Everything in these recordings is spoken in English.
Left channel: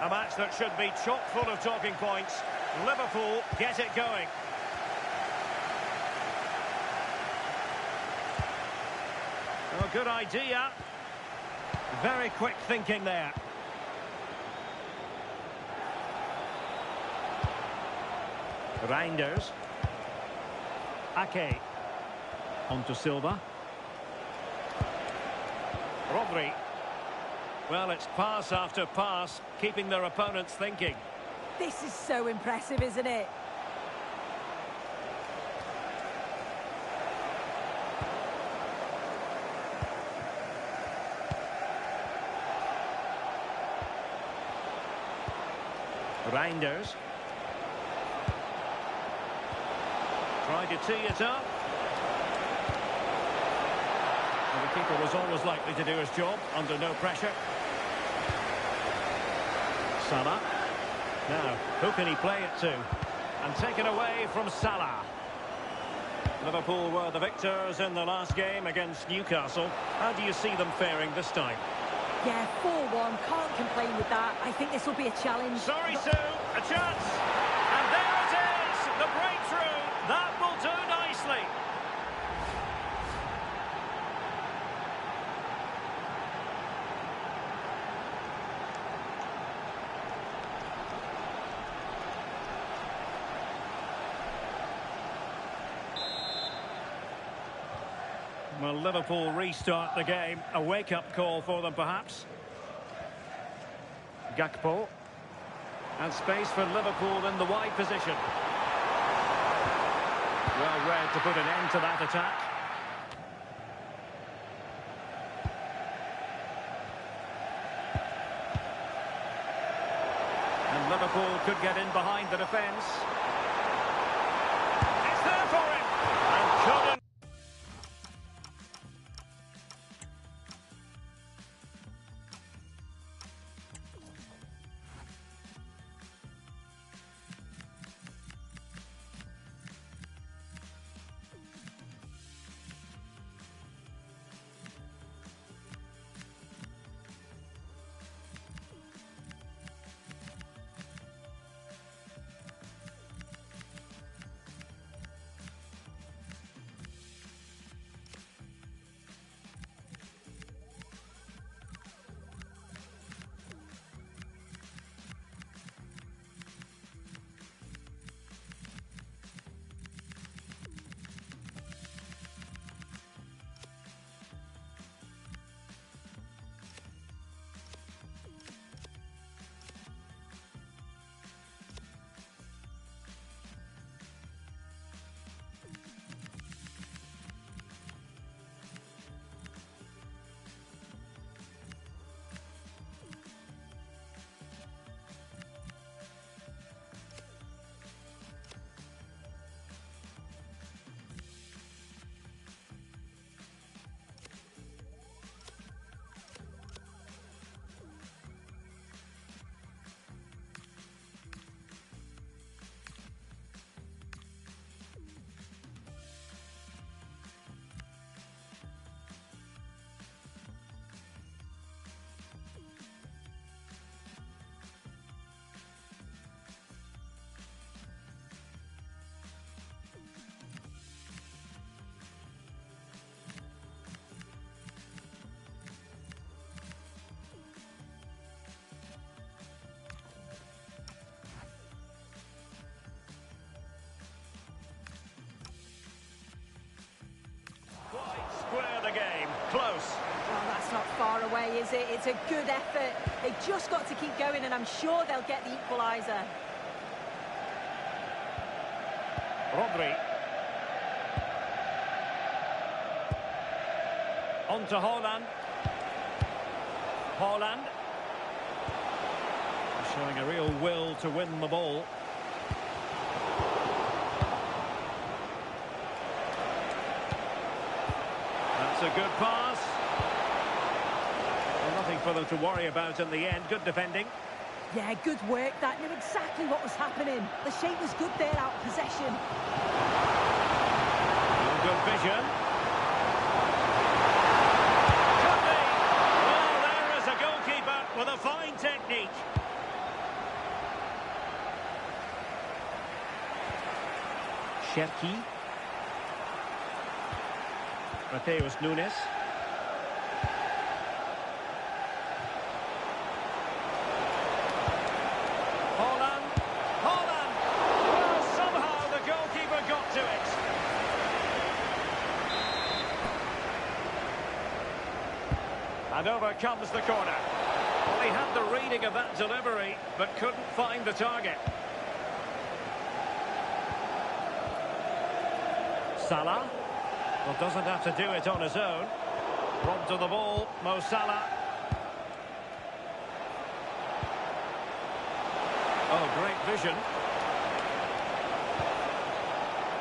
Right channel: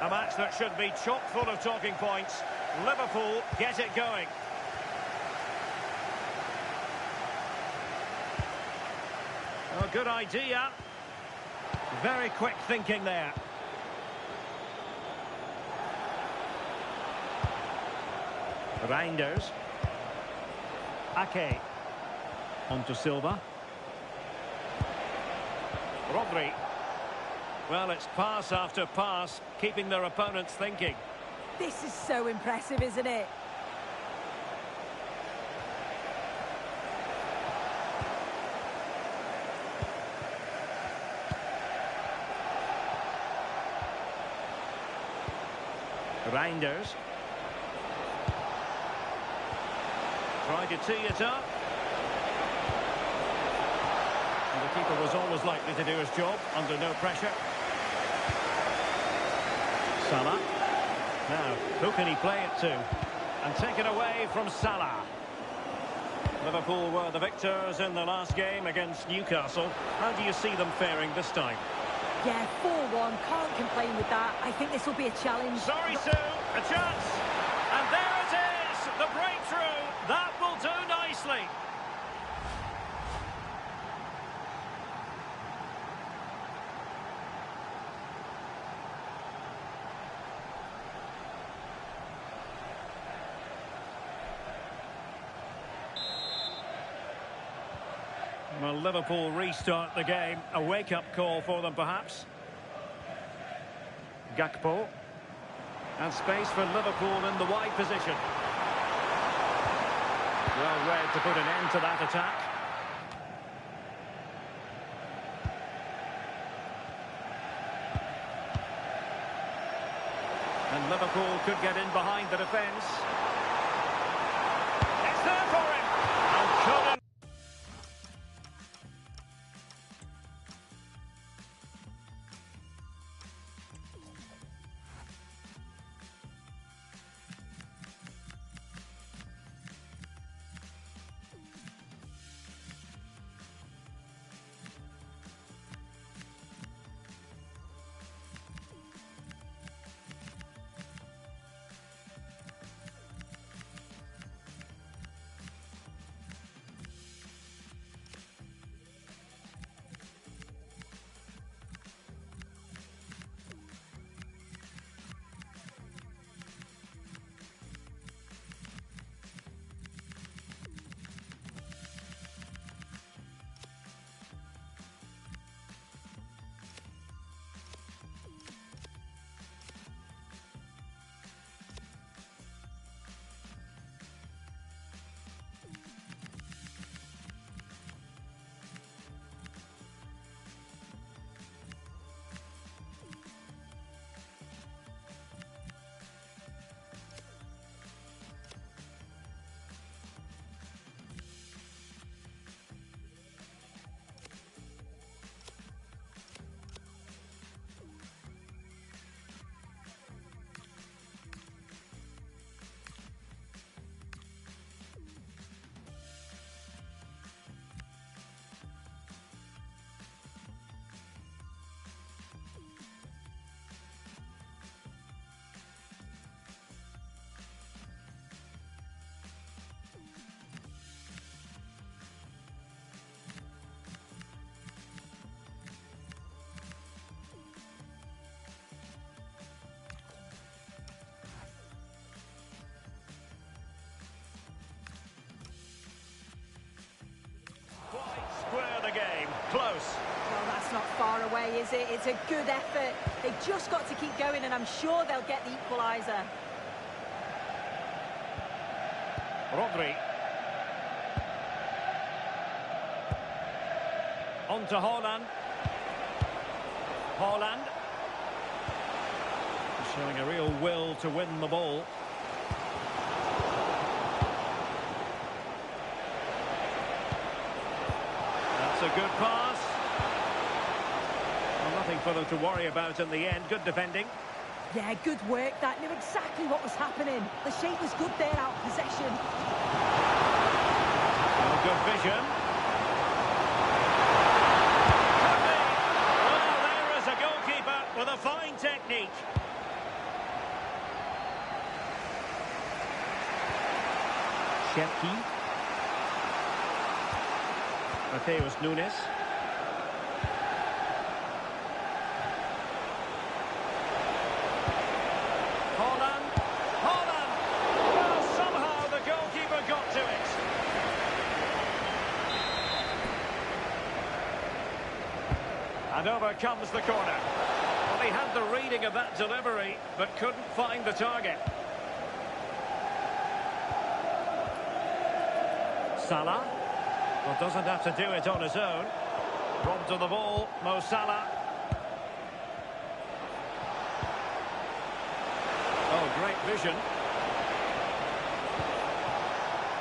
A match that should be chock full of talking points. Liverpool get it going. Oh, good idea. Very quick thinking there. Reinders. Ake. On to Silva. Rodri. Well, it's pass after pass, keeping their opponents thinking. This is so impressive, isn't it? Reinders. Tried to tee it up. Well, the keeper was always likely to do his job under no pressure. Salah. Now, who can he play it to? And taken away from Salah. Liverpool were the victors in the last game against Newcastle. How do you see them faring this time? Yeah, 4-1. Can't complain with that. I think this will be a challenge. Sorry, Sue. A chance. And there it is. The breakthrough. That will do nicely. Well, Liverpool restart the game. A wake-up call for them, perhaps. Gakpo. And space for Liverpool in the wide position. Well read to put an end to that attack. And Liverpool could get in behind the defence. It's there for him. And couldn't. Square the game. Close. Well, that's not far away, is it? It's a good effort. They've just got to keep going, and I'm sure they'll get the equaliser. Rodri. On to Haaland. Haaland. Showing a real will to win the ball. That's a good pass. Well, nothing for them to worry about in the end. Good defending. Yeah, good work. That knew exactly what was happening. The shape was good there, out of possession. Oh, good vision. Could be. Well, there is a goalkeeper with a fine technique. Cherki. Mateus Nunes. Holland. Holland! Well, somehow the goalkeeper got to it. And over comes the corner. Well, he had the reading of that delivery, but couldn't find the target. Salah. Well, doesn't have to do it on his own. Robbed of the ball, Mo Salah. Oh, great vision.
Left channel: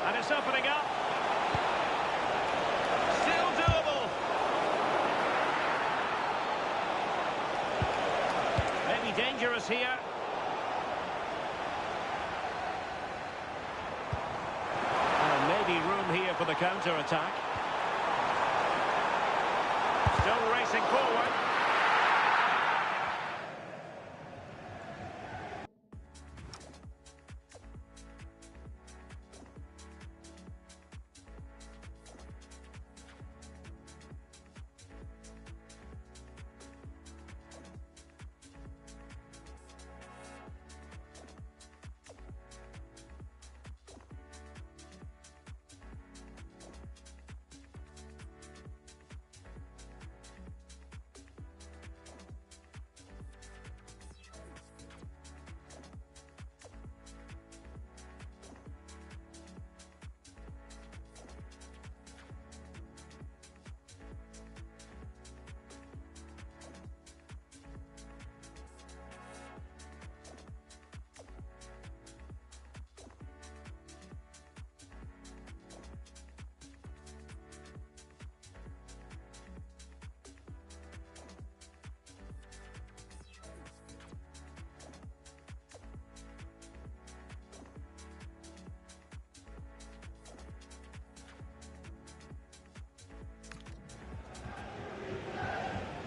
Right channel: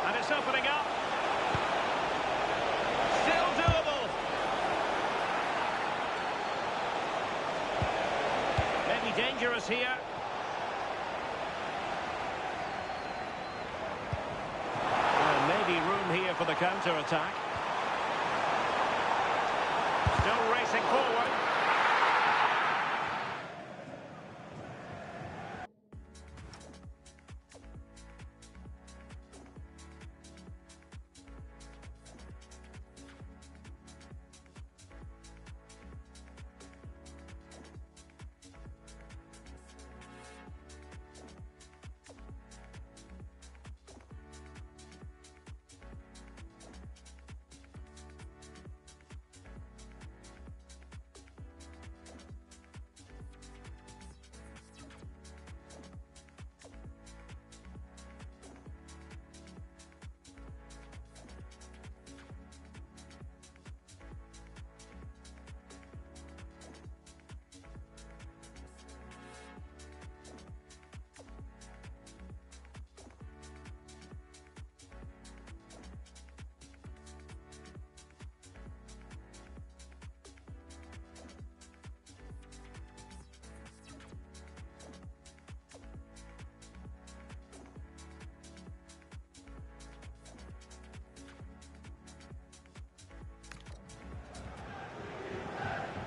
And it's opening up. Still doable. Maybe dangerous here. And maybe room here for the counter-attack. Still racing forward.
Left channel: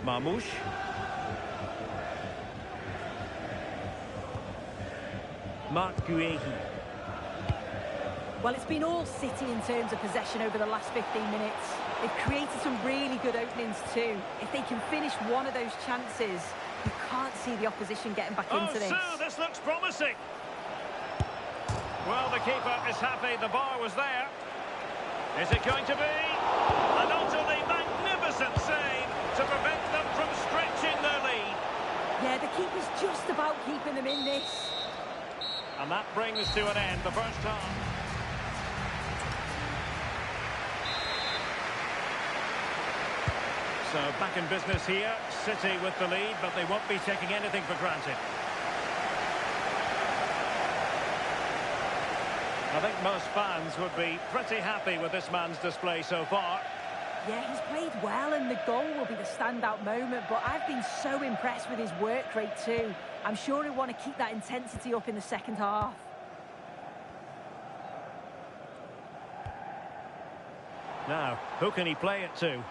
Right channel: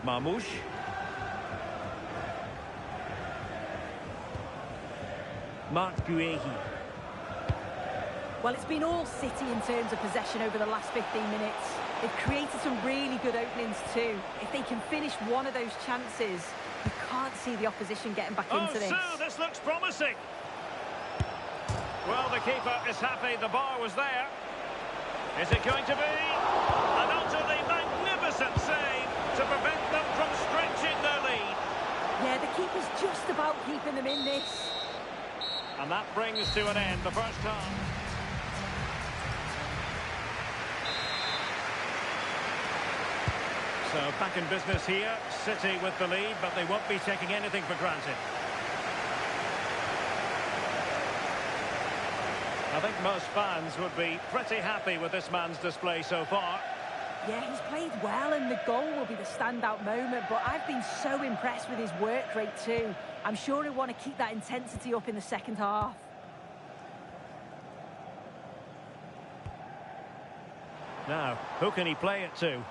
Marmoush. Marc Guehi. Well, it's been all City in terms of possession over the last 15 minutes. They've created some really good openings too. If they can finish one of those chances, you can't see the opposition getting back into this. Oh, so this looks promising. Well, the keeper is happy the bar was there. Is it going to be? An utterly magnificent save to prevent them from stretching their lead. Yeah, the keeper's just about keeping them in this. And that brings to an end the first half. So back in business here, City with the lead, but they won't be taking anything for granted. I think most fans would be pretty happy with this man's display so far. Yeah, he's played well and the goal will be the standout moment, but I've been so impressed with his work rate too. I'm sure he'll want to keep that intensity up in the second half. Now, who can he play it to?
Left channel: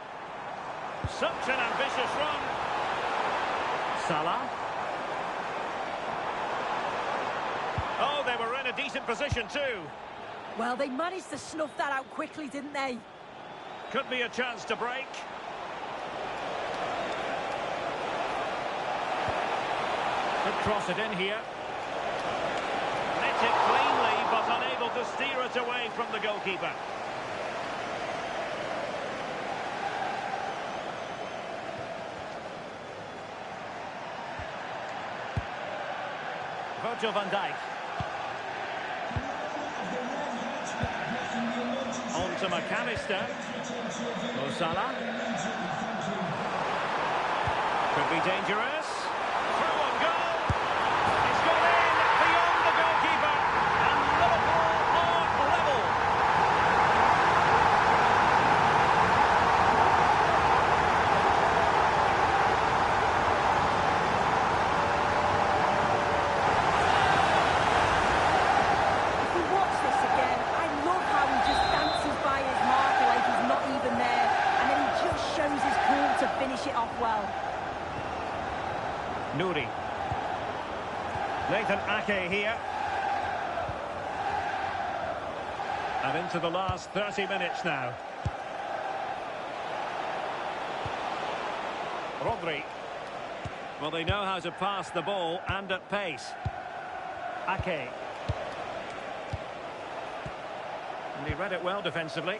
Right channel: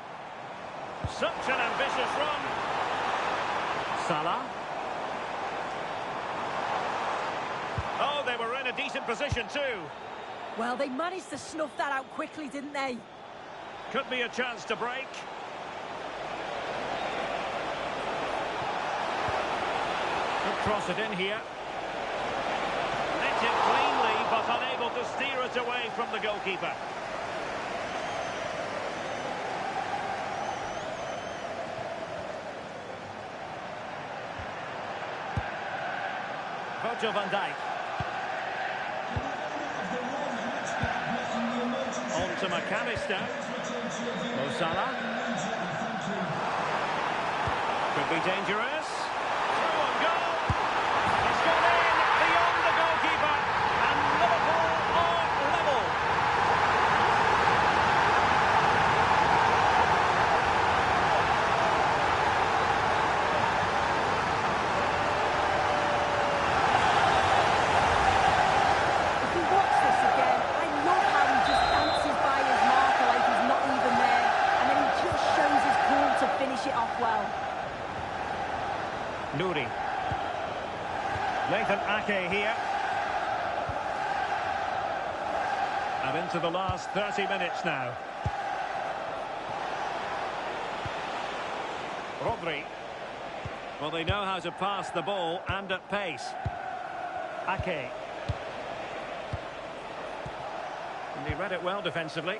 Such an ambitious run. Salah. Oh, they were in a decent position too. Well, they managed to snuff that out quickly, didn't they? Could be a chance to break. Could cross it in here. Met it cleanly, but unable to steer it away from the goalkeeper. Virgil van Dijk. On to McAllister. Mo Salah. Could be dangerous. Through on goal. It's gone in beyond the goalkeeper. And Liverpool are level. If we watch this again, I love how he just dances by his marker like he's not even there. And then he just shows his cool to finish it off well. Nouri. Nathan Ake here. And into the last 30 minutes now. Rodri. Well, they know how to pass the ball and at pace. Ake. And he read it well defensively.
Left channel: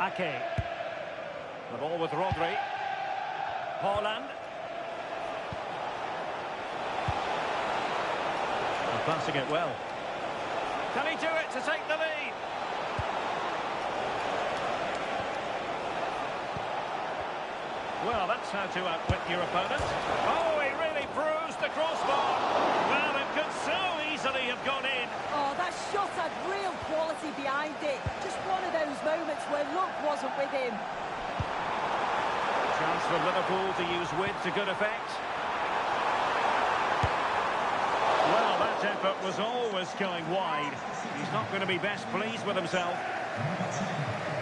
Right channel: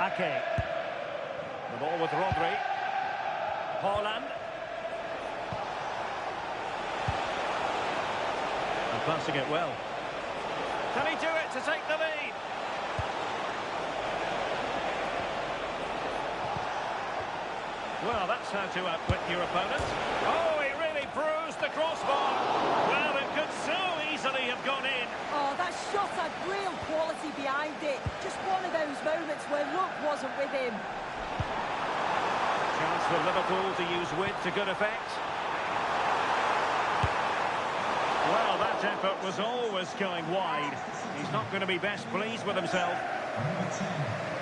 Ake. The ball with Rodri. Haaland. And passing it well. Can he do it to take the lead? Well, that's how to outwit your opponent. Oh, he really bruised the crossbar. Well, it could so easily have gone in. Oh, that shot had real quality behind it. Just one of those moments where luck wasn't with him. Chance for Liverpool to use width to good effect. Well, that effort was always going wide. He's not going to be best pleased with himself.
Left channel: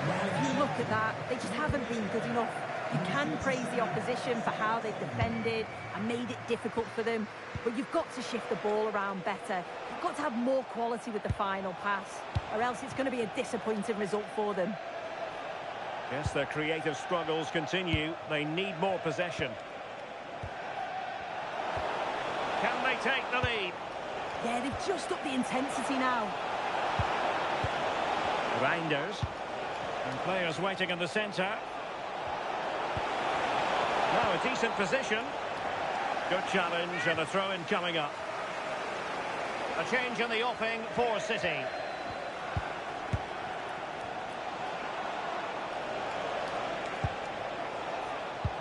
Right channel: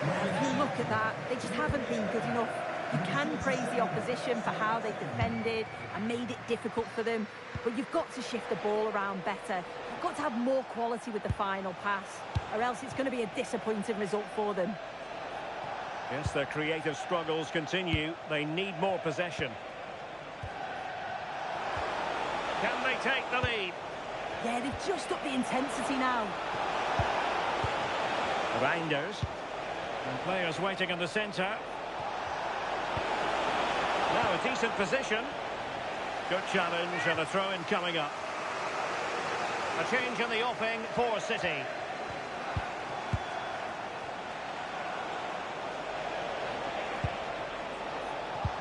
Well, if you look at that, they just haven't been good enough. You can praise the opposition for how they've defended and made it difficult for them, but you've got to shift the ball around better. You've got to have more quality with the final pass, or else it's going to be a disappointing result for them. Yes, their creative struggles continue. They need more possession. Can they take the lead? Yeah, they've just upped the intensity now. Reinders. And players waiting in the centre. Now a decent position. Good challenge and a throw-in coming up. A change in the offing for City.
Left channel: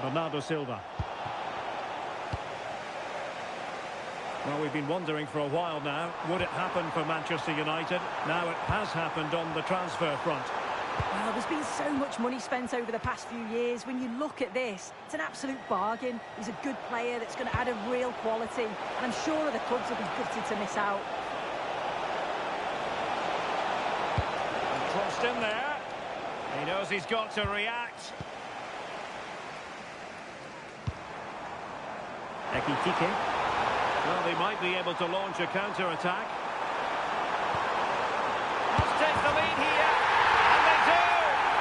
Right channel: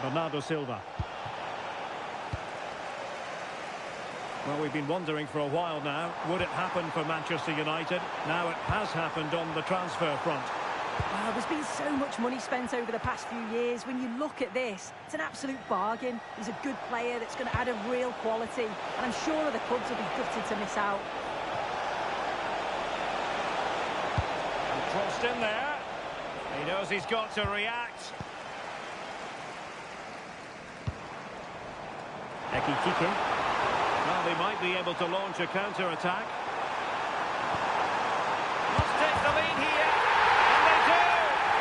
Bernardo Silva. Well, we've been wondering for a while now, would it happen for Manchester United? Now it has happened on the transfer front. Well, there's been so much money spent over the past few years. When you look at this, it's an absolute bargain. He's a good player that's going to add a real quality, and I'm sure other clubs will be gutted to miss out. And crossed in there. He knows he's got to react. Ekitike. Well, they might be able to launch a counter-attack. Must take the lead here. And they do!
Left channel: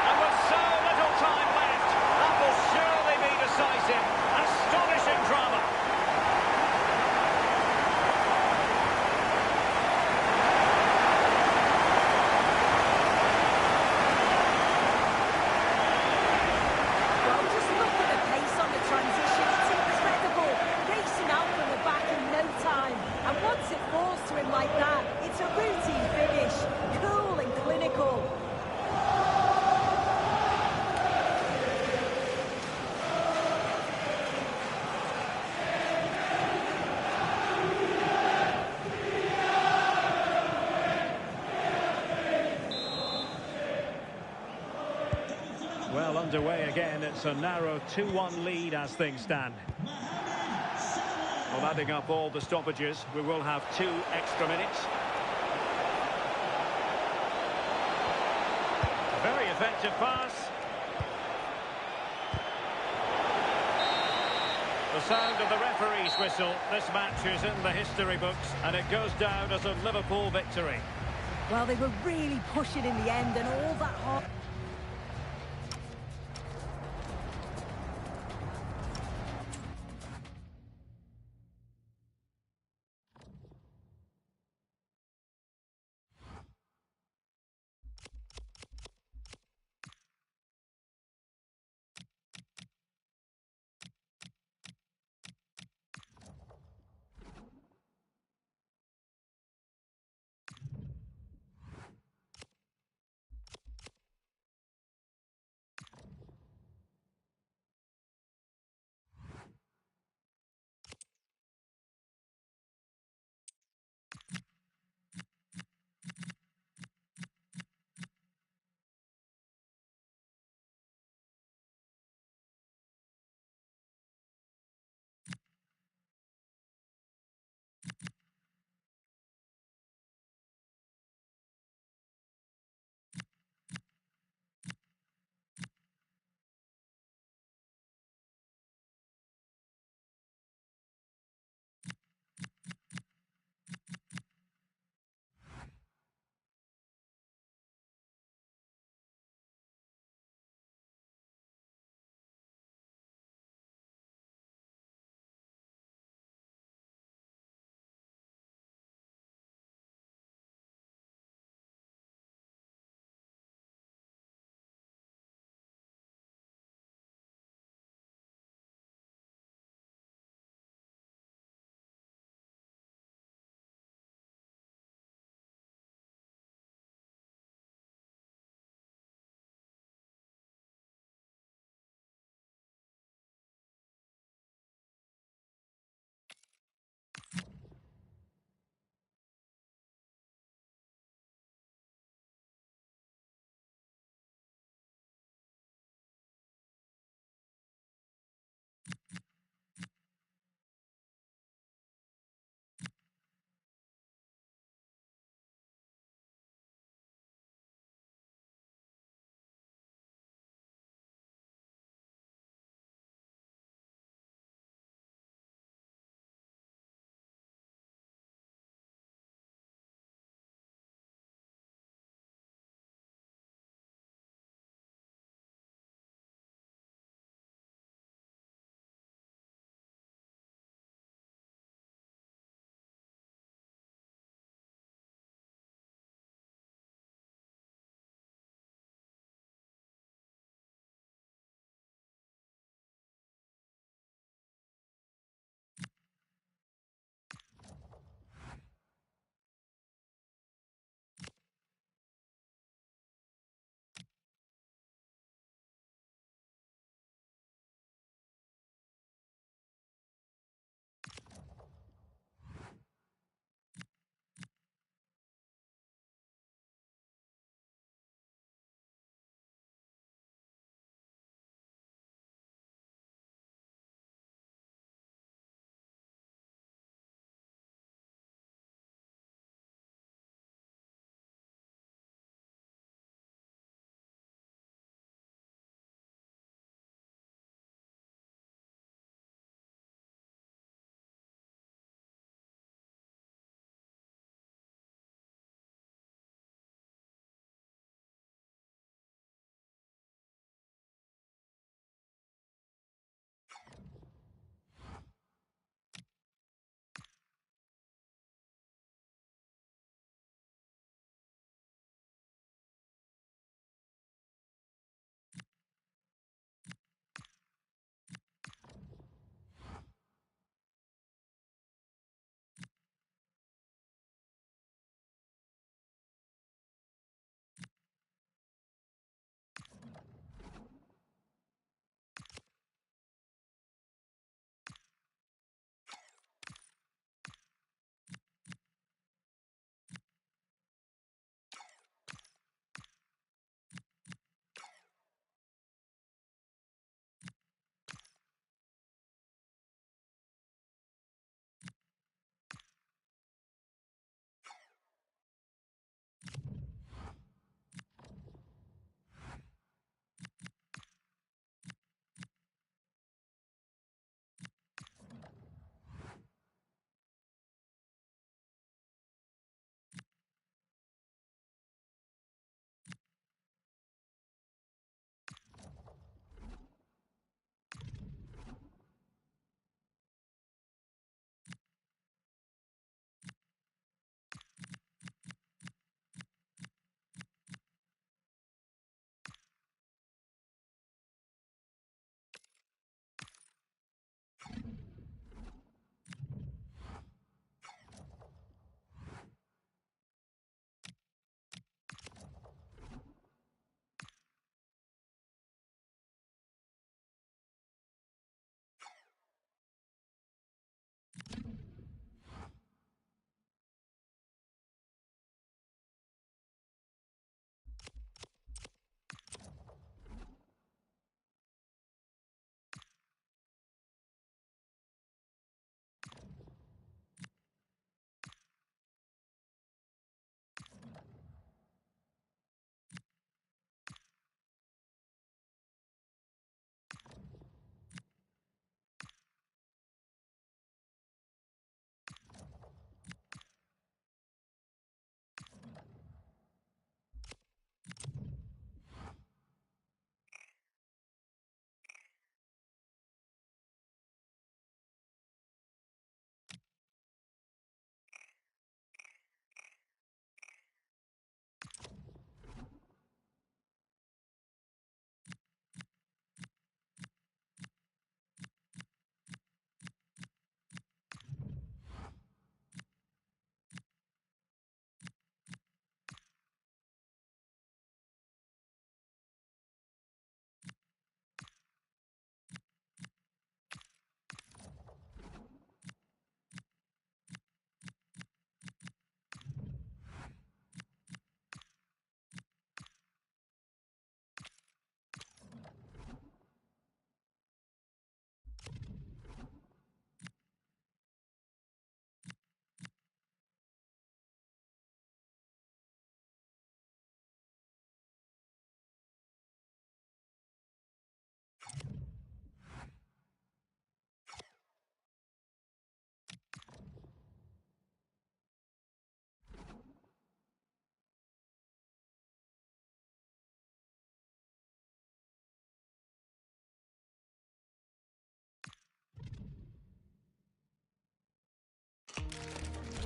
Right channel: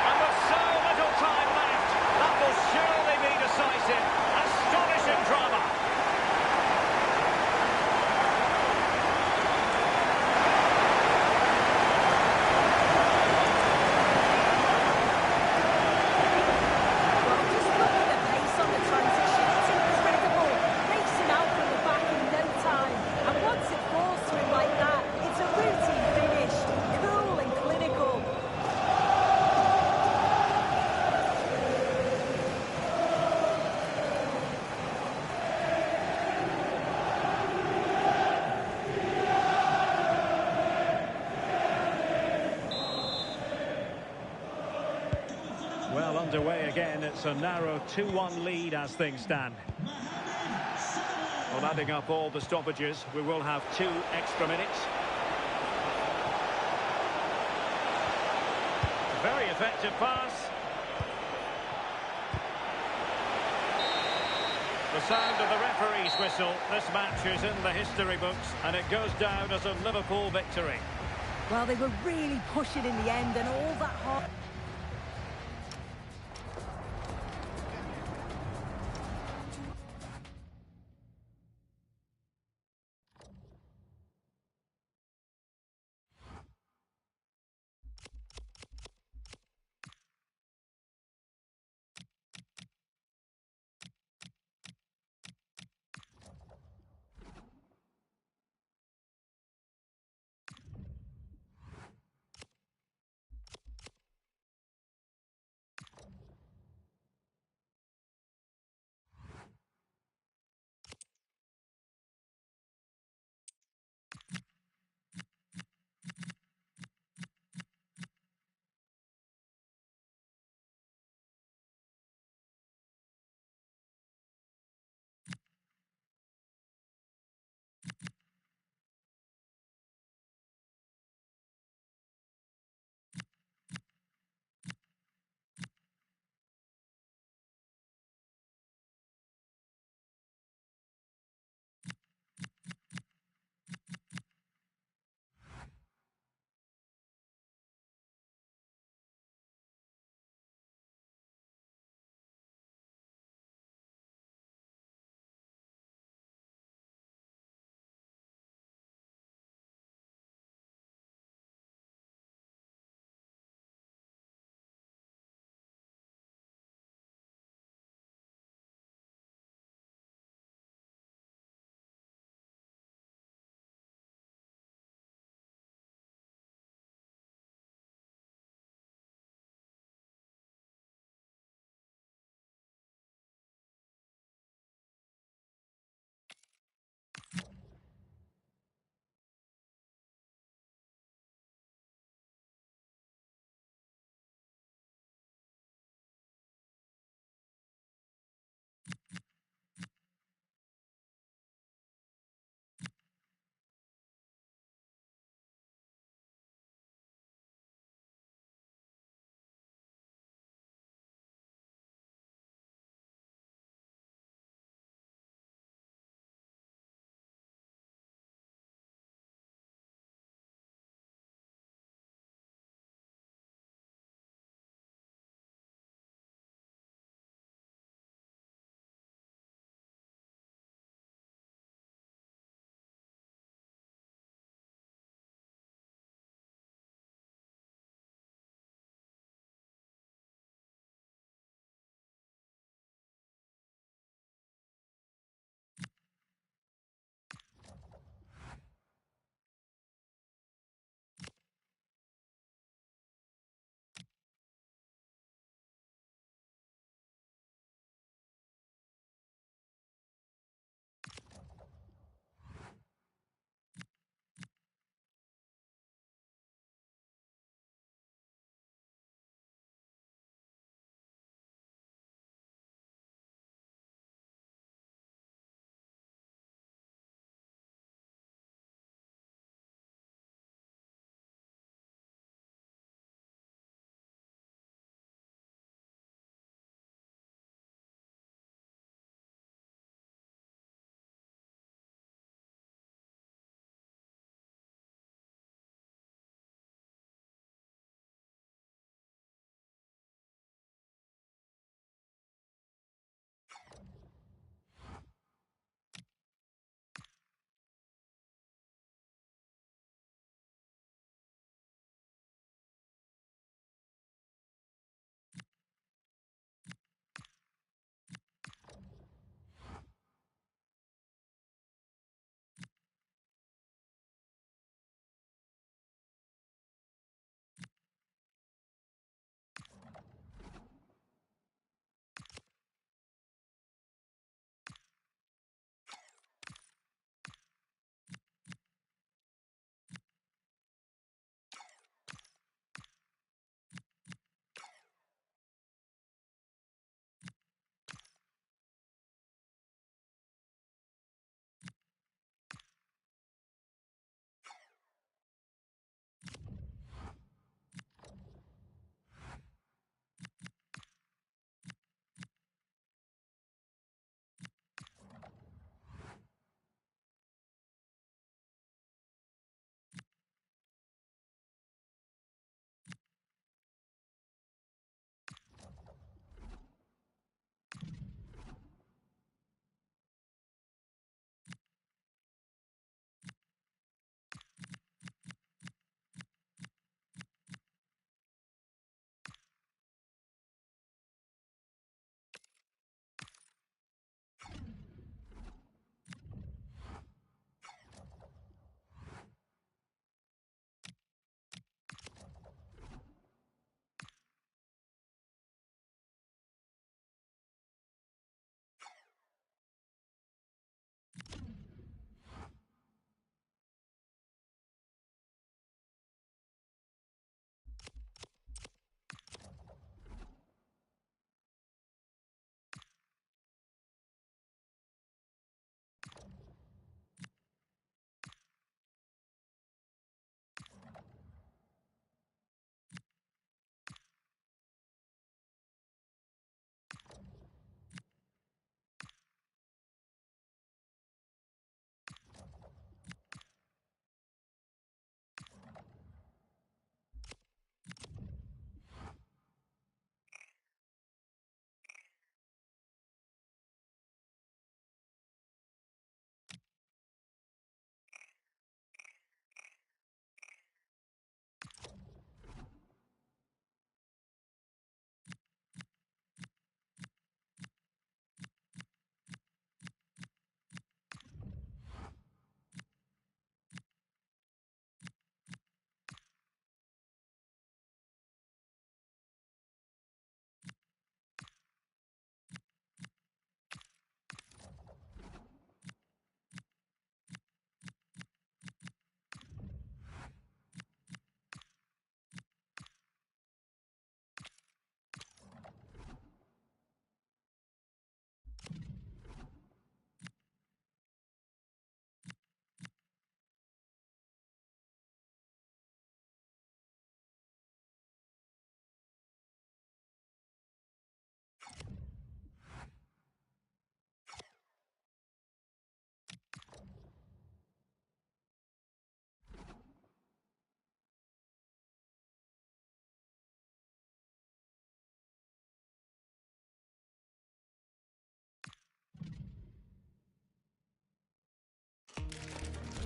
And with so little time left, that will surely be decisive. Astonishing drama. Well, just look at the pace on the transition. It's incredible. Racing out from the back in no time. And once it falls to him like that, it's a routine finish. Cool and clinical. Well, underway again. It's a narrow 2-1 lead as things stand. Well, adding up all the stoppages, we will have 2 extra minutes. Very effective pass. The sound of the referee's whistle. This match is in the history books, and it goes down as a Liverpool victory. Well, they were really pushing in the end, and all that hard...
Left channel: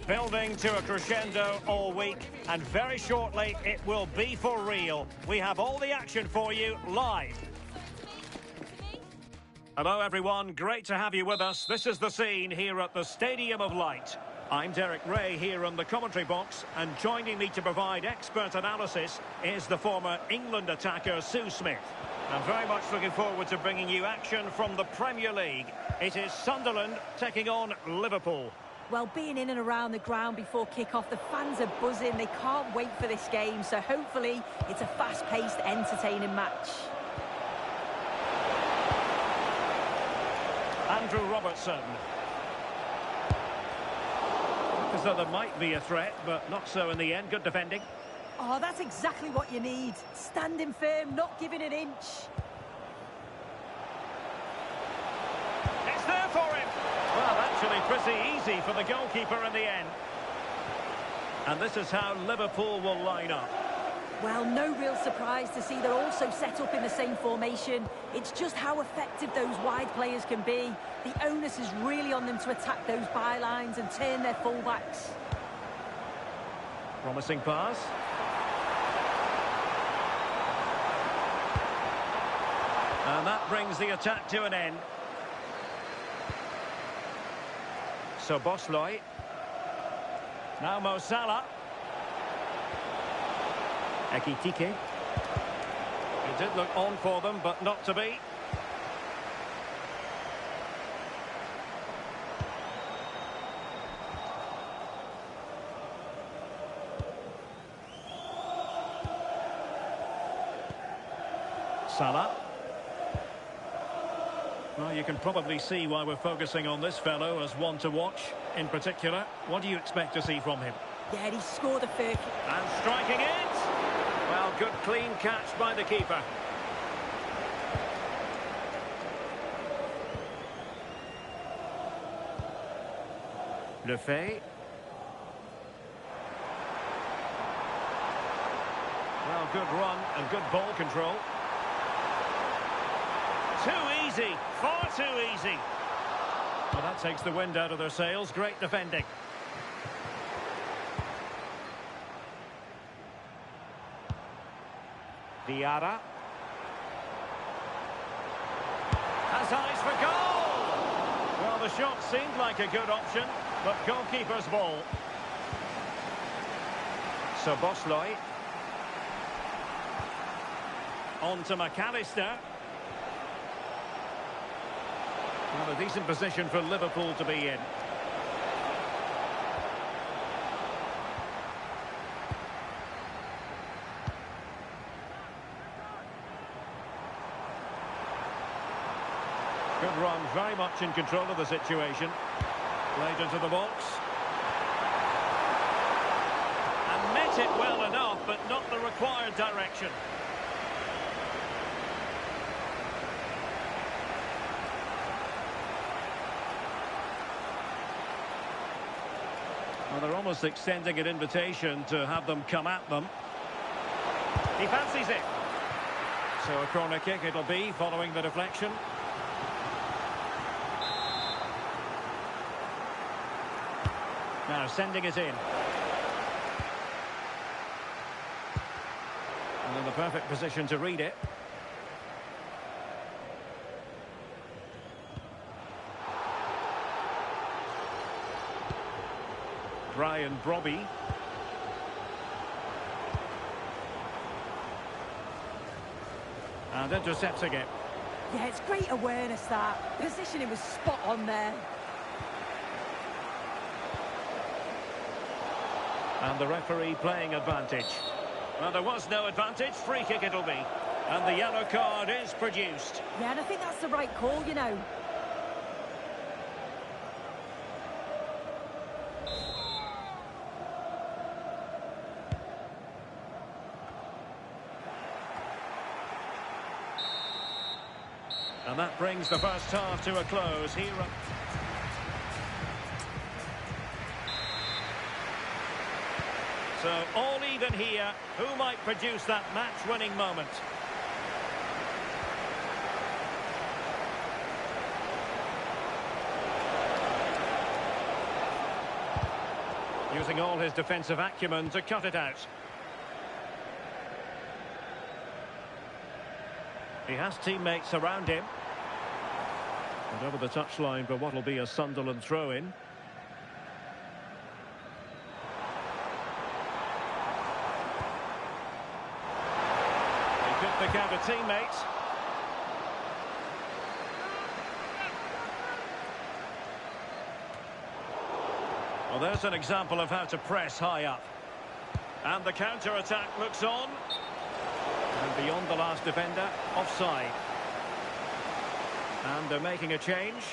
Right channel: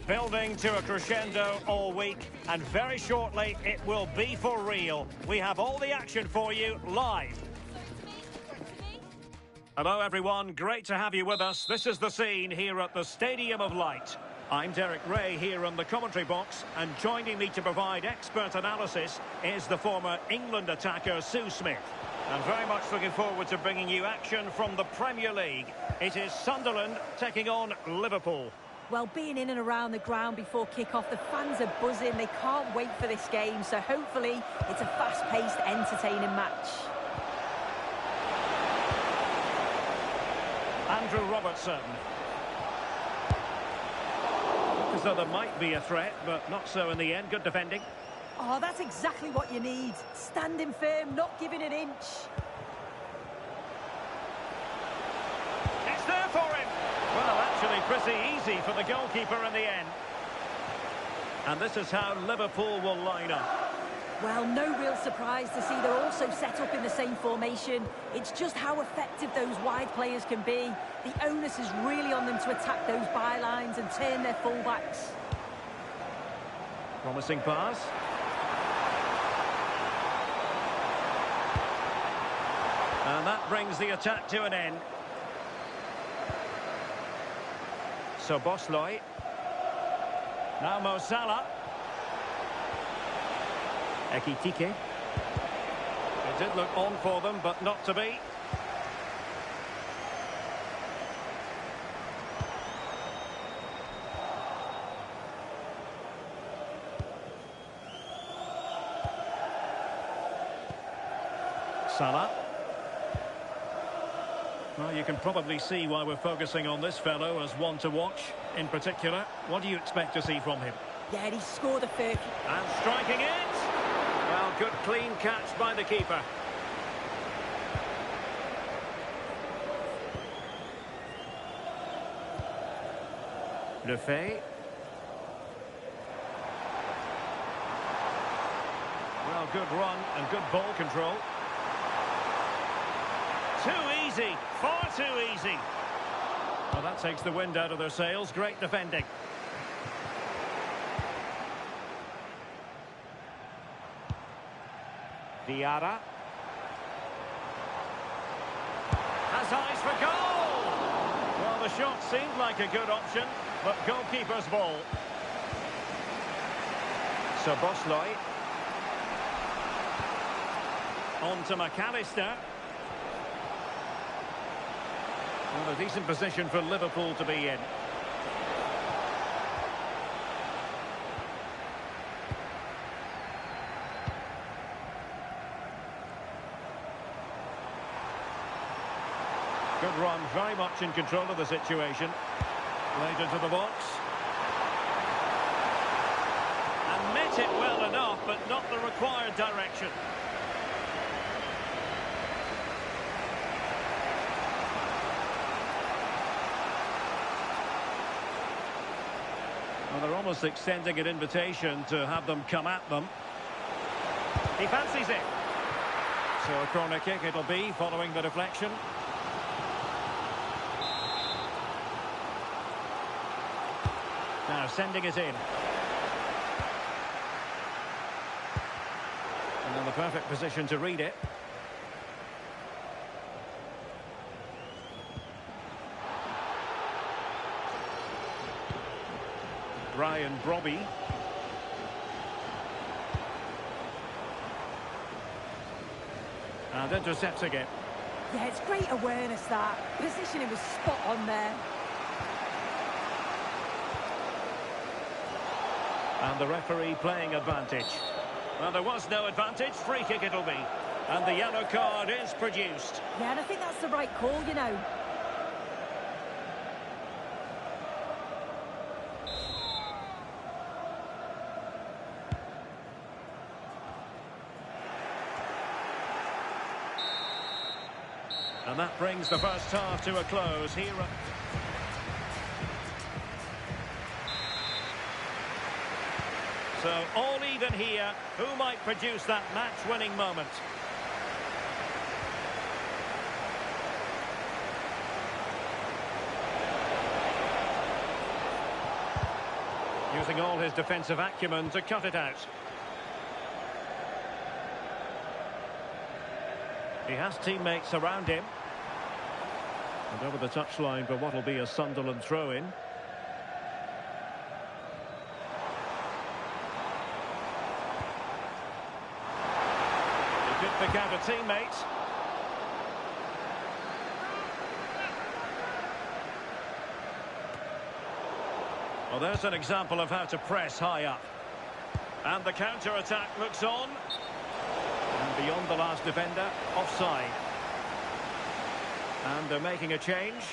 building to a crescendo all week, and very shortly it will be for real. We have all the action for you live. Hello everyone, great to have you with us. This is the scene here at the Stadium of Light. I'm Derek Ray here on the commentary box, and joining me to provide expert analysis is the former England attacker Sue Smith. I'm very much looking forward to bringing you action from the Premier League. It is Sunderland taking on Liverpool. Well, being in and around the ground before kick-off, the fans are buzzing. They can't wait for this game, so hopefully it's a fast-paced, entertaining match. Andrew Robertson. Look as though there might be a threat, but not so in the end. Good defending. Oh, that's exactly what you need. Standing firm, not giving an inch. It's there for him. Well, actually pretty easy for the goalkeeper in the end. And this is how Liverpool will line up. Well, no real surprise to see they're also set up in the same formation. It's just how effective those wide players can be. The onus is really on them to attack those bylines and turn their fullbacks. Promising pass. And that brings the attack to an end. So Bosley. Now Mo Salah. Ekitike. It did look on for them, but not to be. Salah. Well, you can probably see why we're focusing on this fellow as one to watch. In particular, what do you expect to see from him? Yeah, he scored a fair... And striking it! Well, good clean catch by the keeper. Lefebvre. Well, good run and good ball control. Too easy, far too easy. Well, that takes the wind out of their sails. Great defending. Diarra. Has eyes for goal! Well, the shot seemed like a good option, but goalkeeper's ball. So Bosley. On to McAllister. Well, a decent position for Liverpool to be in. Good run, very much in control of the situation. Played into the box. And met it well enough, but not the required direction. Well, they're almost extending an invitation to have them come at them. He fancies it. So a corner kick it'll be following the deflection. Now sending it in. And in the perfect position to read it. Brian Brobby. And intercepts again. Yeah, it's great awareness, that. Positioning was spot on there. And the referee playing advantage. Well, there was no advantage. Free kick it'll be. And the yellow card is produced. Yeah, and I think that's the right call, you know. And that brings the first half to a close here at... So all even here. Who might produce that match-winning moment? Using all his defensive acumen to cut it out. He has teammates around him. And over the touchline for what will be a Sunderland throw-in. He could pick out a teammate. Well, there's an example of how to press high up. And the counter-attack looks on. And beyond the last defender, offside. And they're making a change.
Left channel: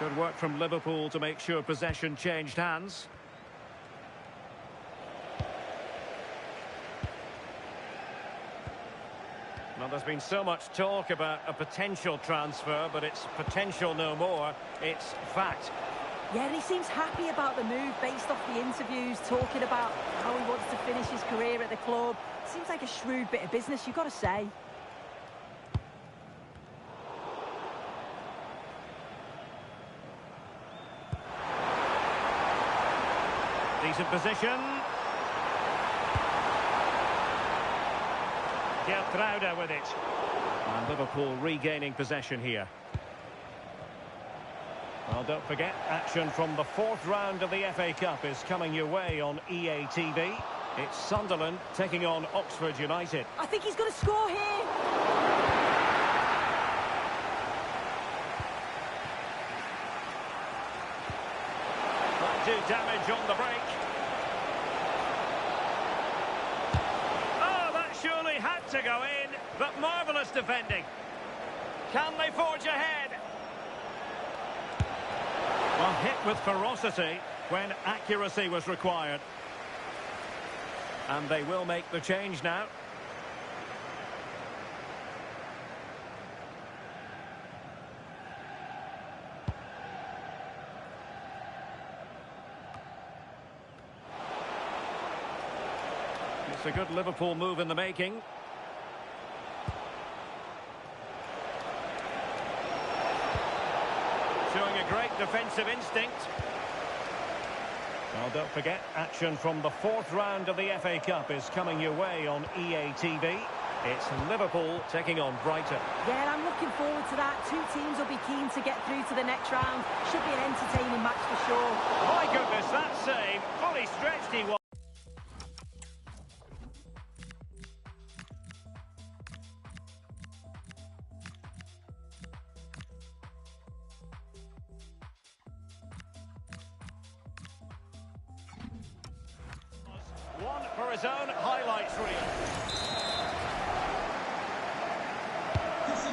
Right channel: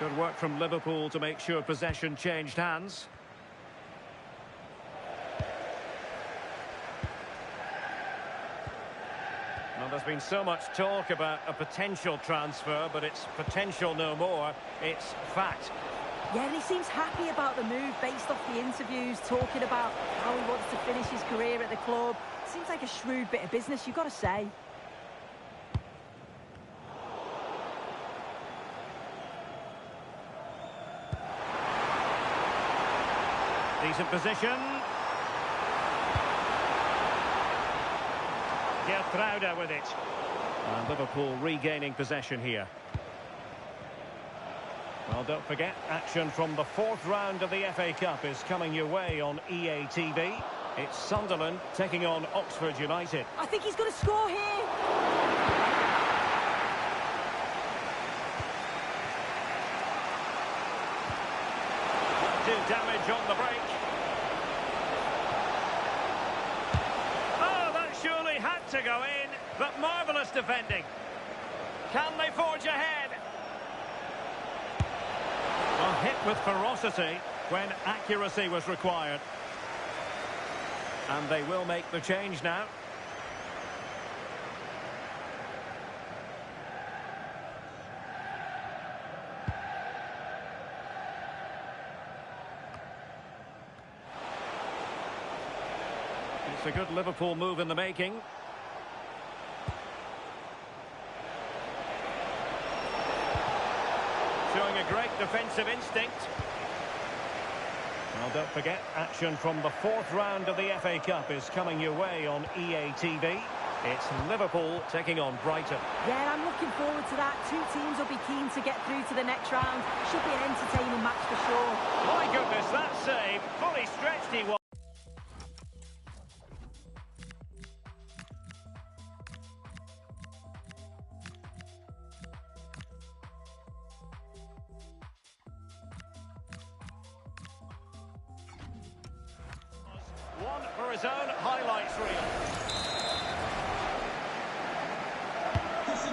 Good work from Liverpool to make sure possession changed hands. Well, there's been so much talk about a potential transfer, but it's potential no more. It's fact. Yeah, and he seems happy about the move based off the interviews, talking about how he wants to finish his career at the club. Seems like a shrewd bit of business, you've got to say. Decent position. Gertruida with it. And Liverpool regaining possession here. Well, don't forget, action from the fourth round of the FA Cup is coming your way on EA TV. It's Sunderland taking on Oxford United. I think he's going to score here. Might do damage on the break. Oh, that surely had to go in, but marvellous defending. Can they forge ahead? Well, hit with ferocity when accuracy was required. And they will make the change now. It's a good Liverpool move in the making. Showing a great defensive instinct. Well, don't forget, action from the fourth round of the FA Cup is coming your way on EA TV. It's Liverpool taking on Brighton. Yeah, and I'm looking forward to that. Two teams will be keen to get through to the next round. Should be an entertaining match for sure. My goodness, that save. Fully stretched he was. One for his own highlights reel.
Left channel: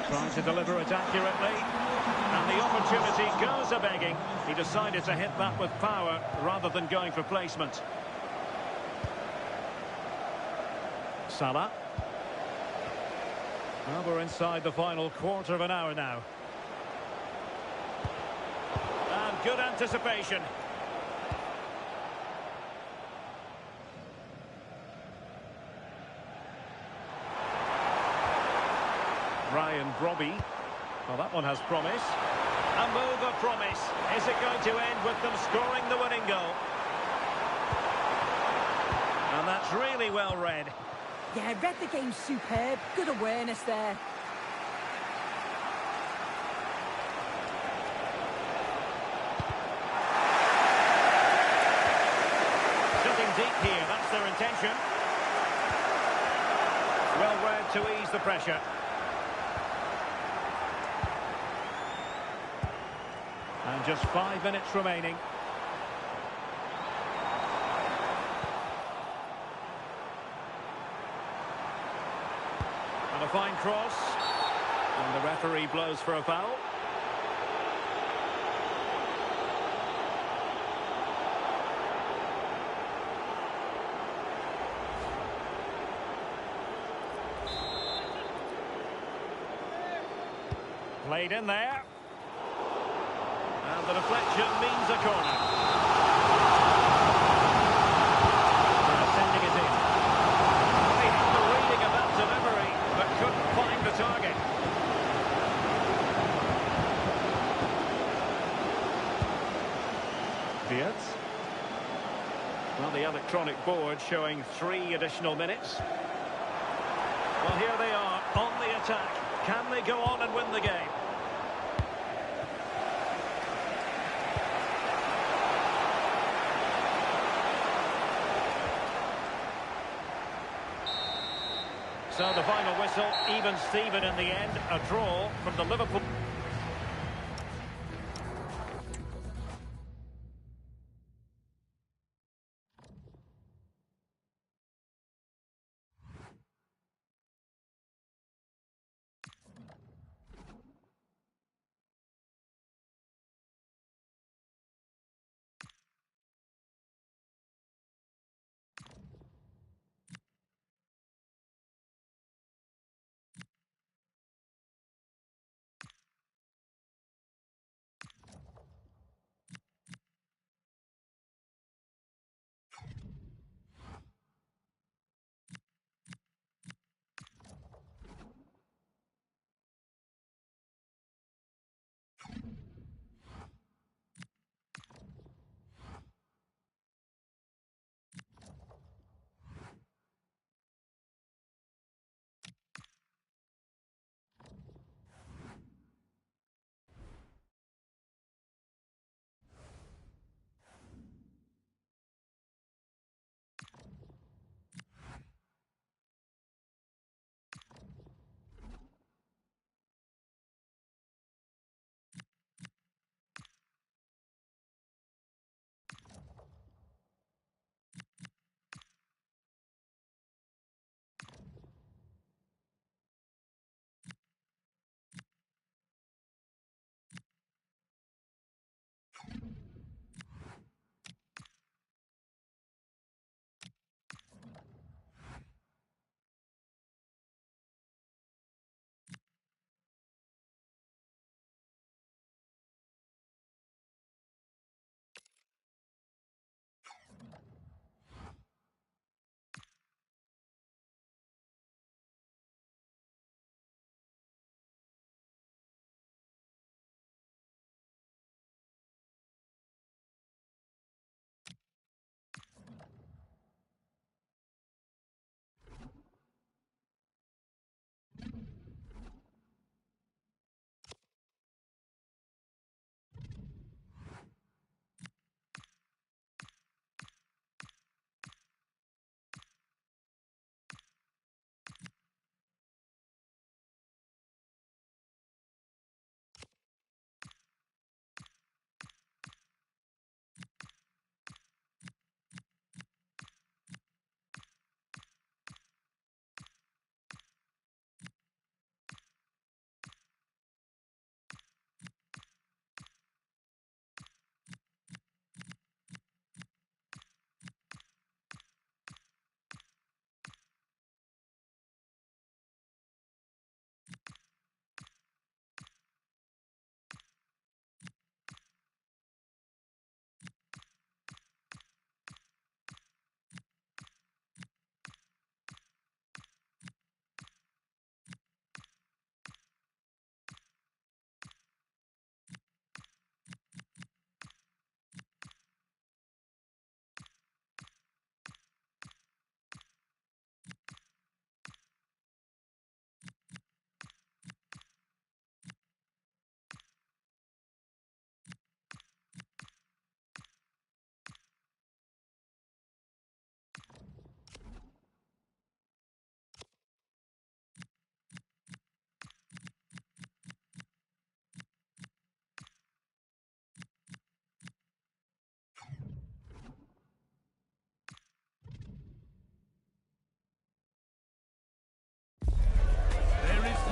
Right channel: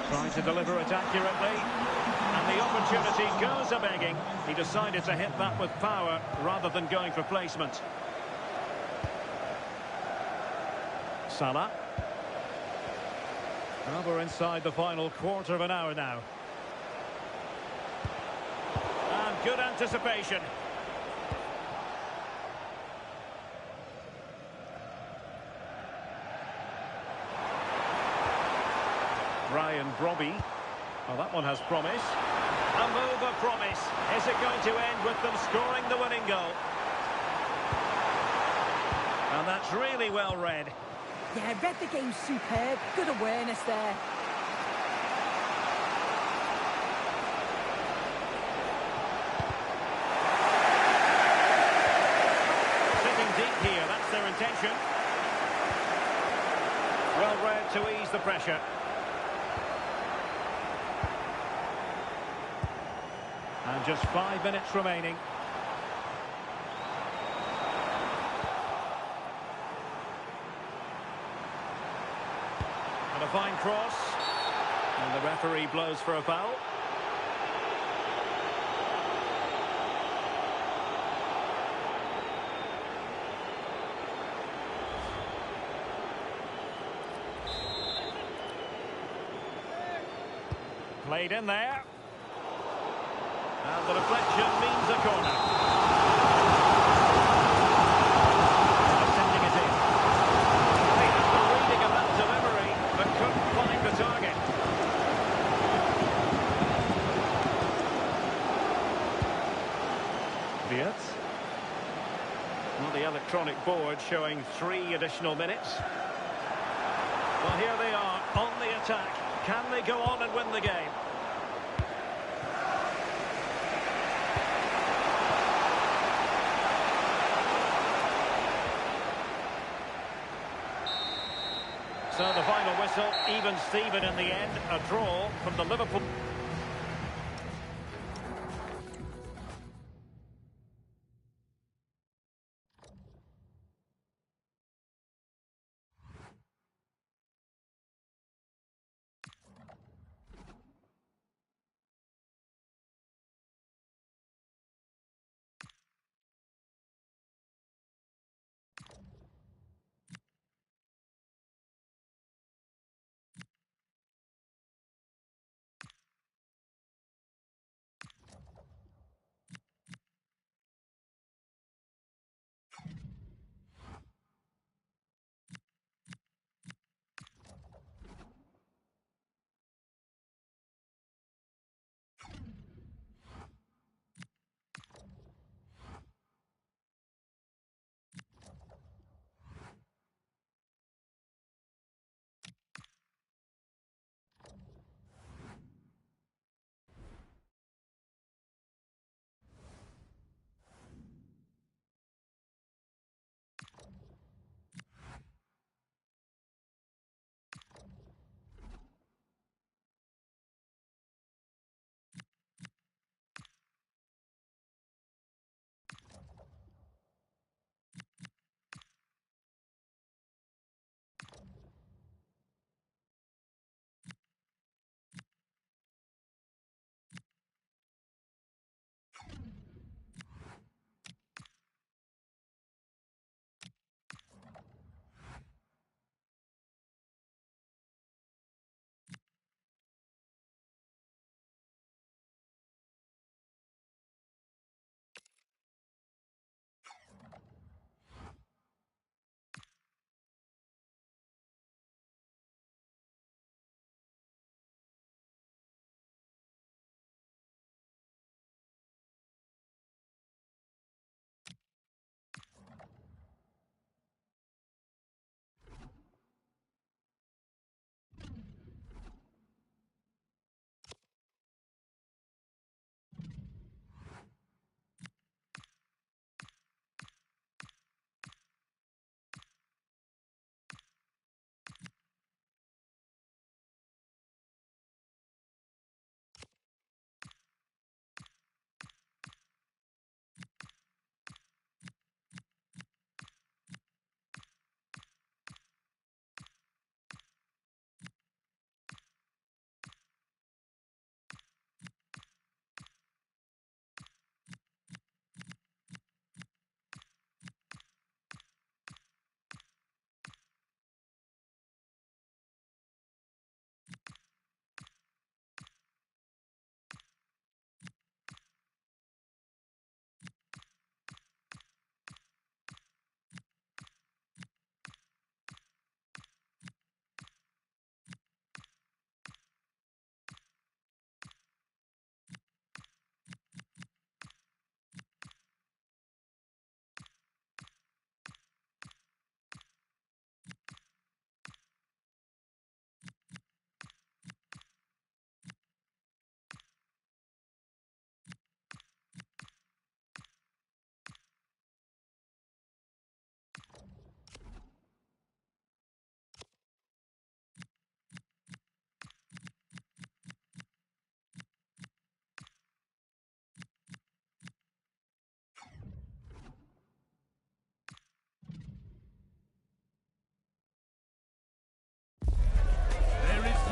Trying to deliver it accurately. And the opportunity goes a-begging. He decided to hit that with power rather than going for placement. Salah. Well, we're inside the final quarter of an hour now. And good anticipation. Ryan Brobby. Well, that one has promise. A move of promise. Is it going to end with them scoring the winning goal? And that's really well read. Yeah, read the game superb. Good awareness there. Sitting deep here, that's their intention. Well read to ease the pressure. And just 5 minutes remaining. And a fine cross. And the referee blows for a foul. Played in there. And the deflection means a corner. Sending it in. They had the reading of that delivery, but couldn't find the target. Wirtz. Well, the electronic board showing 3 additional minutes. Well, here they are on the attack. Can they go on and win the game? So the final whistle, even Steven in the end, a draw from the Liverpool.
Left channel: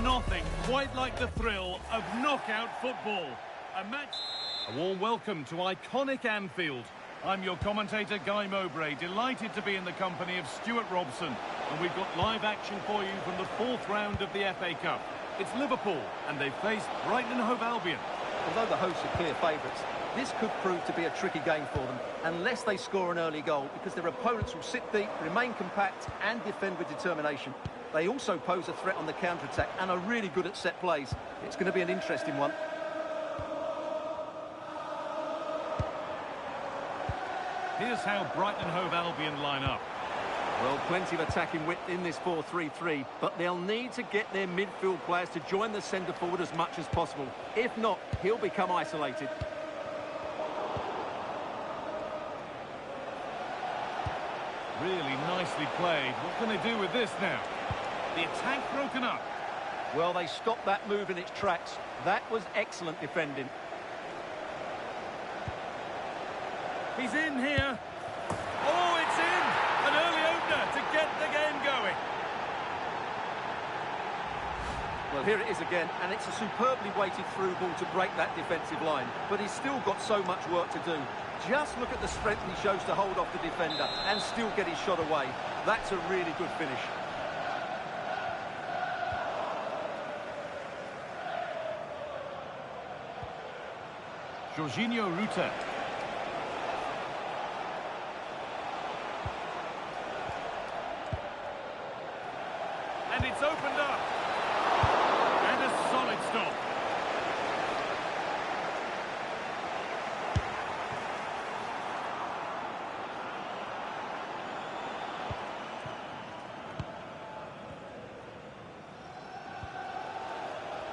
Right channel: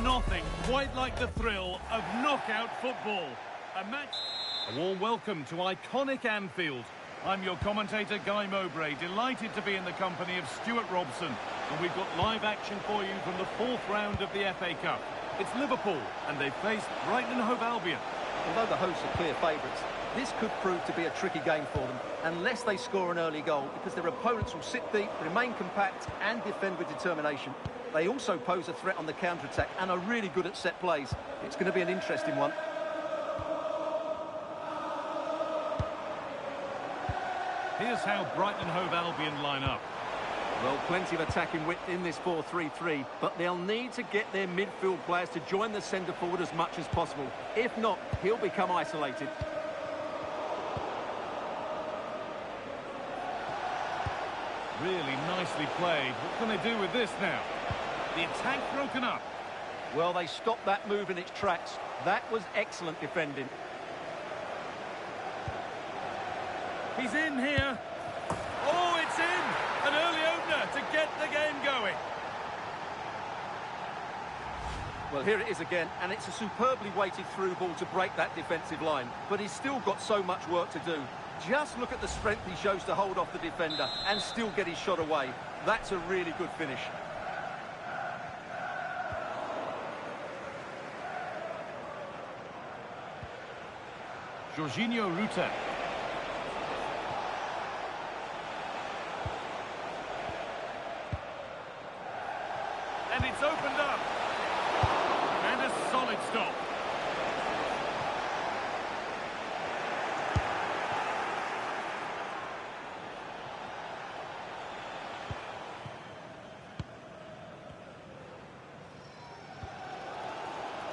Nothing quite like the thrill of knockout football. A warm welcome to iconic Anfield. I'm your commentator, Guy Mowbray, delighted to be in the company of Stuart Robson. And we've got live action for you from the 4th round of the FA Cup. It's Liverpool, and they face Brighton and Hove Albion. Although the hosts are clear favourites, this could prove to be a tricky game for them, unless they score an early goal, because their opponents will sit deep, remain compact and defend with determination. They also pose a threat on the counter-attack and are really good at set plays. It's going to be an interesting one. Here's how Brighton and Hove Albion line up. Well, plenty of attacking width in this 4-3-3, but they'll need to get their midfield players to join the centre forward as much as possible. If not, he'll become isolated. Really nicely played. What can they do with this now? The attack broken up. Well, they stopped that move in its tracks. That was excellent defending. He's in here. Oh, it's in! An early opener to get the game going. Well, here it is again, and it's a superbly weighted through ball to break that defensive line. But he's still got so much work to do. Just look at the strength he shows to hold off the defender and still get his shot away. That's a really good finish. Jorginho Ruta. And it's opened up. And a solid stop.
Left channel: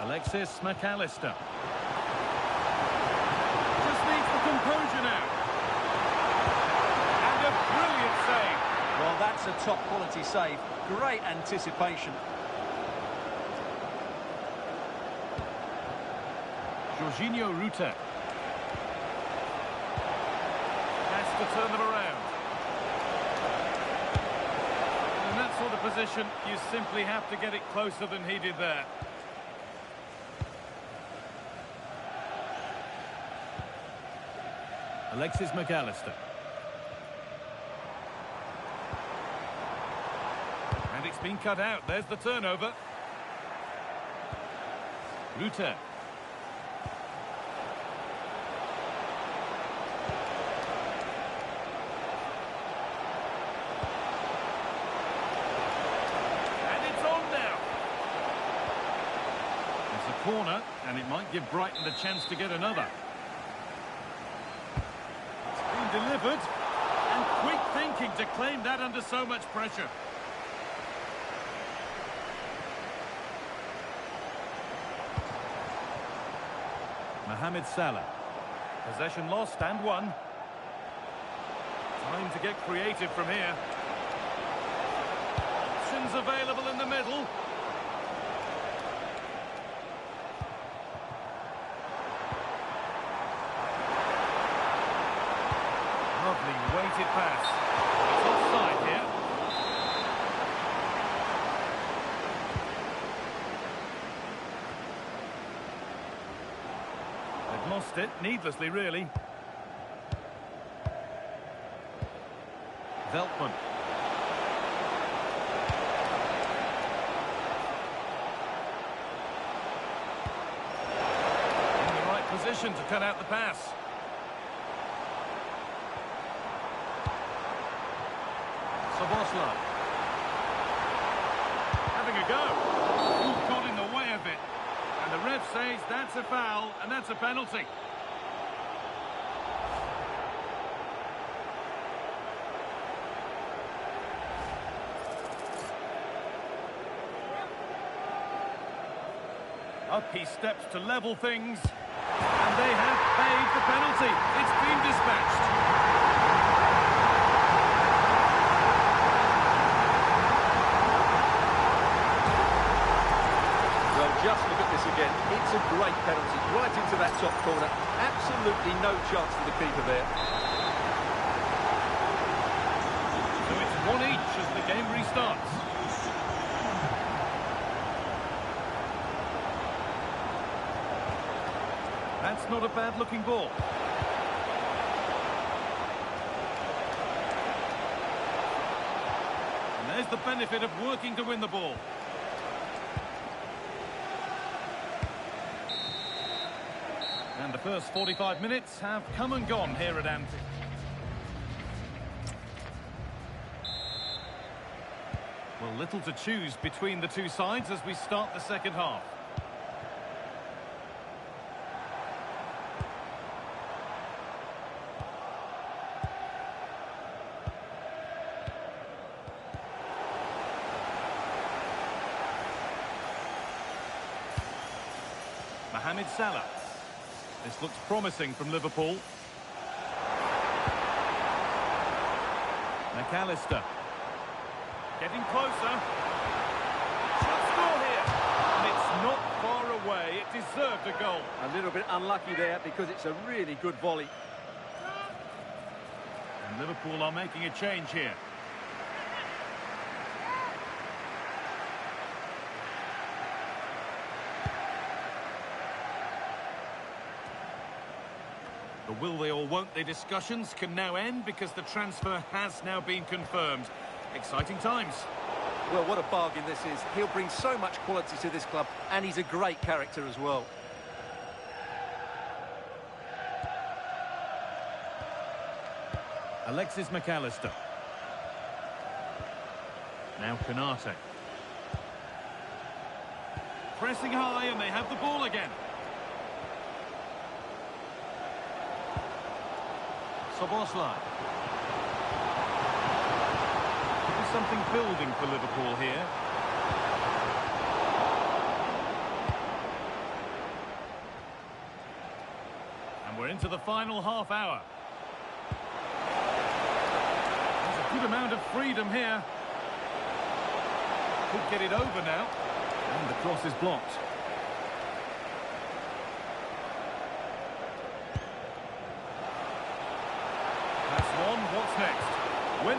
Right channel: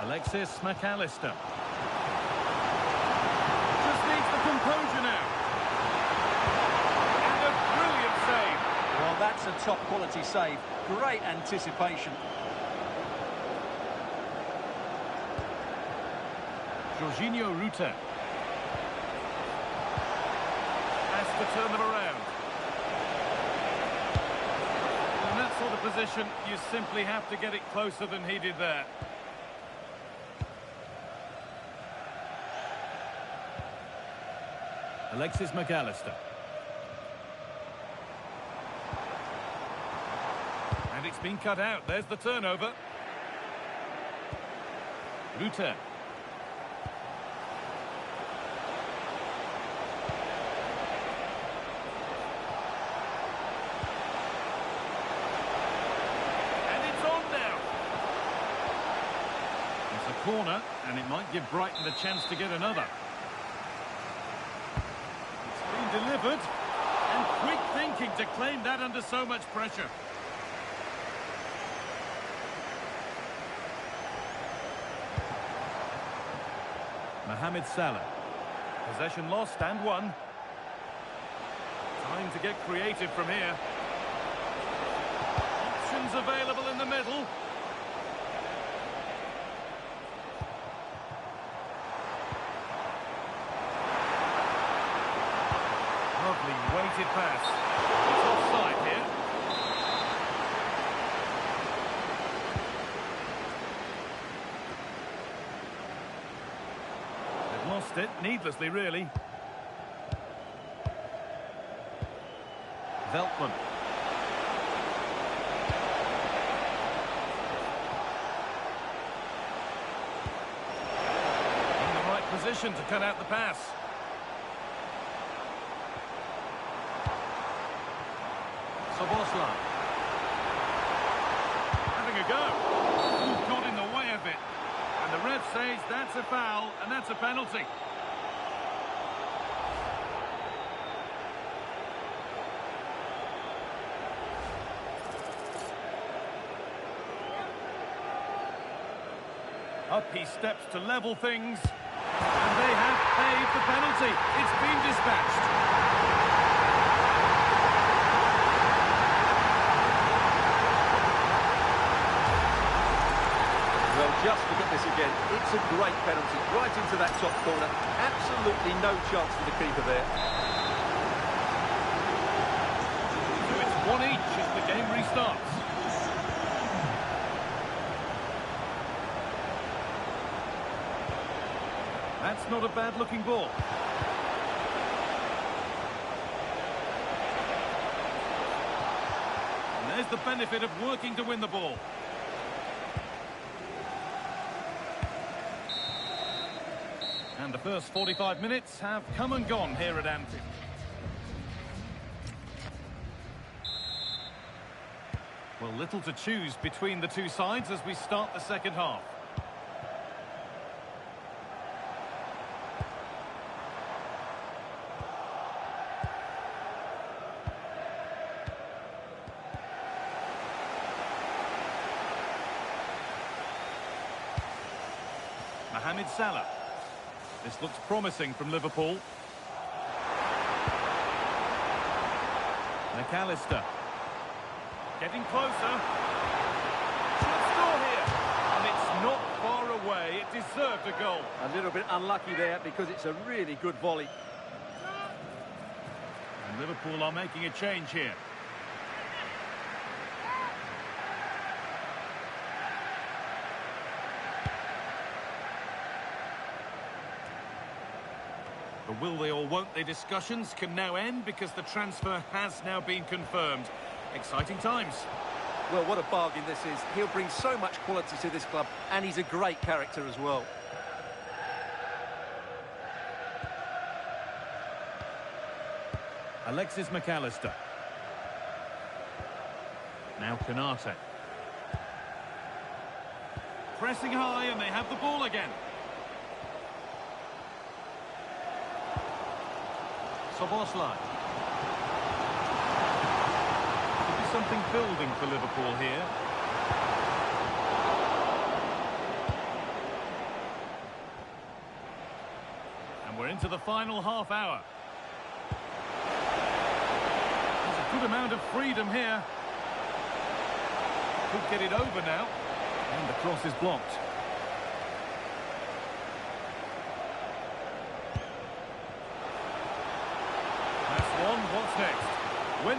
Alexis McAllister. Just needs the composure now. And a brilliant save. Well, that's a top-quality save. Great anticipation. Jorginho Ruta. Has to turn them around. In that sort of position, you simply have to get it closer than he did there. Alexis McAllister. And it's been cut out. There's the turnover. Ruta. And it's on now. It's a corner, and it might give Brighton the chance to get another. Delivered, and quick thinking to claim that under so much pressure. Mohamed Salah. Possession lost and won. Time to get creative from here. Options available in the middle. Lovely weighted pass. It's offside here. They've lost it, needlessly really. Veltman. In the right position to cut out the pass. Soboslai. Having a go. Ooh, got in the way of it. And the ref says that's a foul and that's a penalty. Up he steps to level things. And they have paid the penalty. It's been dispatched. Well, just look at this again. It's a great penalty, right into that top corner. Absolutely no chance for the keeper there. So it's 1-1 as the game restarts. That's not a bad-looking ball. And there's the benefit of working to win the ball. And the first 45 minutes have come and gone here at Anfield. Well, little to choose between the two sides as we start the second half. Mohamed Salah. This looks promising from Liverpool. McAllister. Getting closer. Should score here. And it's not far away. It deserved a goal. A little bit unlucky there because it's a really good volley. And Liverpool are making a change here. The will they or won't they discussions can now end because the transfer has now been confirmed. Exciting times. Well, what a bargain this is. He'll bring so much quality to this club, and he's a great character as well. Alexis McAllister. Now Konate. Pressing high, and they have the ball again. Szoboszlai. Could be something building for Liverpool here. And we're into the final half hour. There's a good amount of freedom here. Could get it over now. And the cross is blocked. That's one. What's next? Win.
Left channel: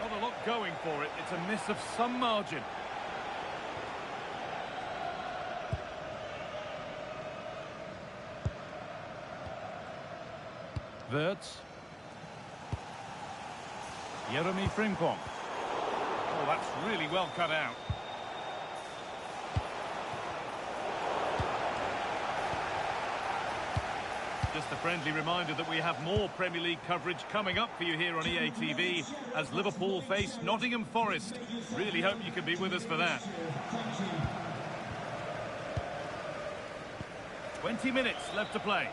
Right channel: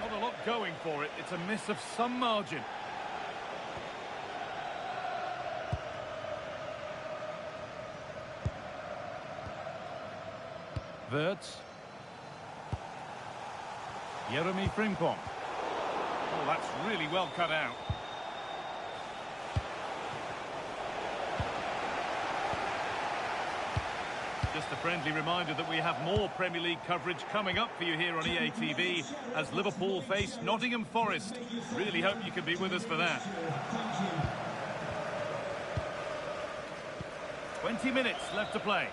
Not a lot going for it. It's a miss of some margin. Wirtz. Jeremy Frimpong. Oh, that's really well cut out. Just a friendly reminder that we have more Premier League coverage coming up for you here on EA TV as Liverpool face Nottingham Forest. Really hope you can be with us for that. 20 minutes left to play.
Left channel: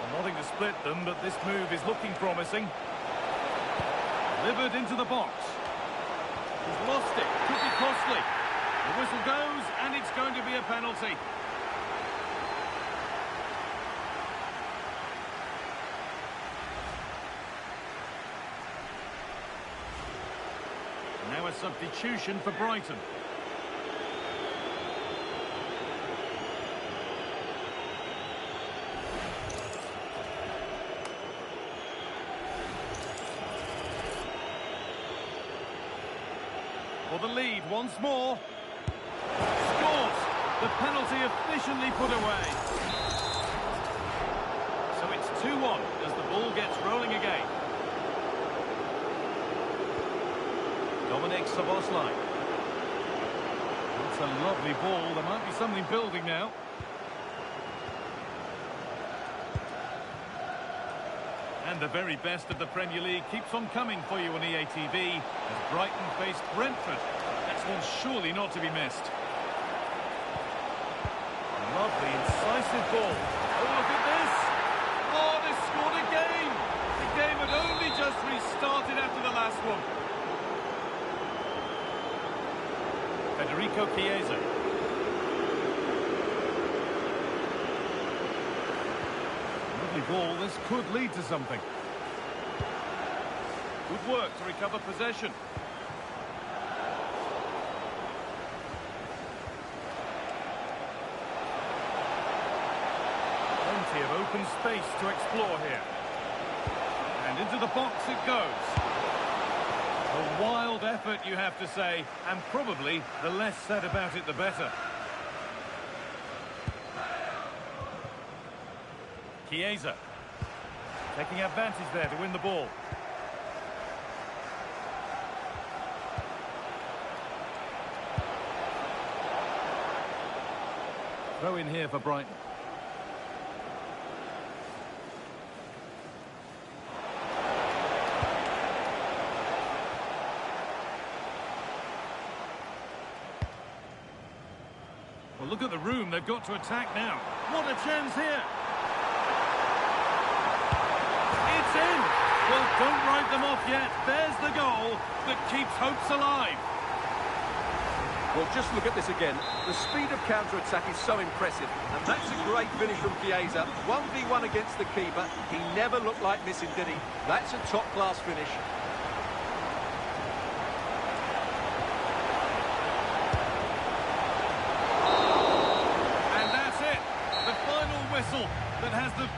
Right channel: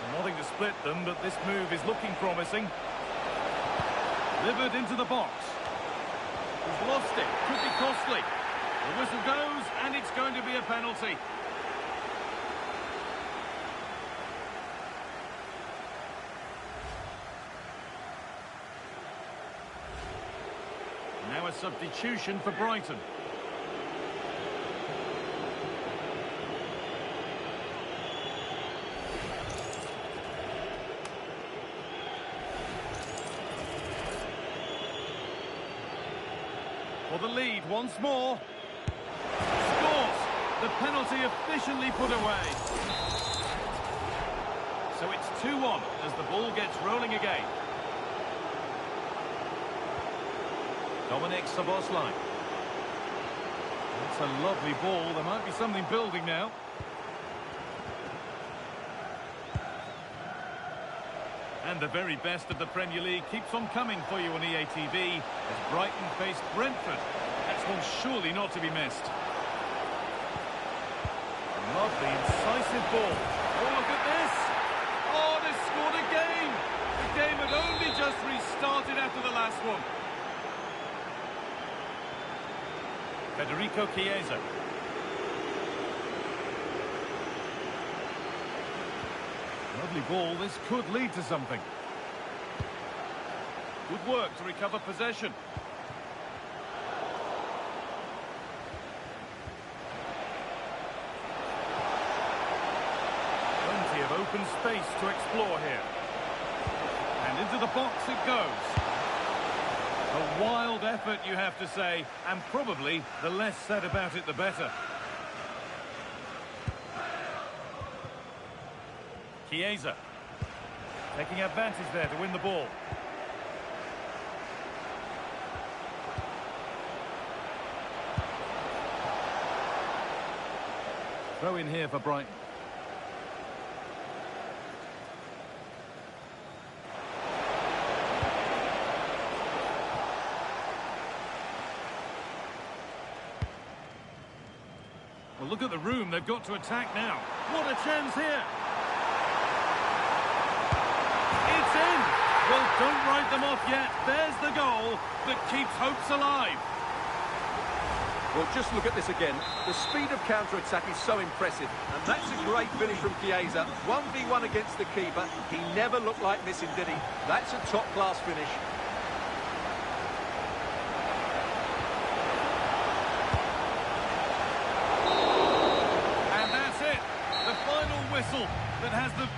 Well, nothing to split them, but this move is looking promising. Delivered into the box. He's lost it. Could be costly. The whistle goes, and it's going to be a penalty. Now a substitution for Brighton. For the lead once more. Scores! The penalty efficiently put away. So it's 2-1 as the ball gets rolling again. Dominic Szoboszlai. That's a lovely ball. There might be something building now. And the very best of the Premier League keeps on coming for you on EA TV as Brighton face Brentford. That's one surely not to be missed. A lovely, incisive ball. Oh, look at this. Oh, they scored again. The game had only just restarted after the last one. Federico Chiesa. Lovely ball. This could lead to something. Good work to recover possession. Plenty of open space to explore here. And into the box it goes. A wild effort, you have to say, and probably the less said about it, the better. Chiesa. Taking advantage there to win the ball. Throw in here for Brighton. Well, look at the room they've got to attack now. What a chance here. It's in. Well, don't write them off yet. There's the goal that keeps hopes alive. Well, just look at this again. The speed of counter-attack is so impressive. And that's a great finish from Chiesa. 1v1 against the keeper. He never looked like missing, did he? That's a top-class finish. And that's it. The final whistle that has the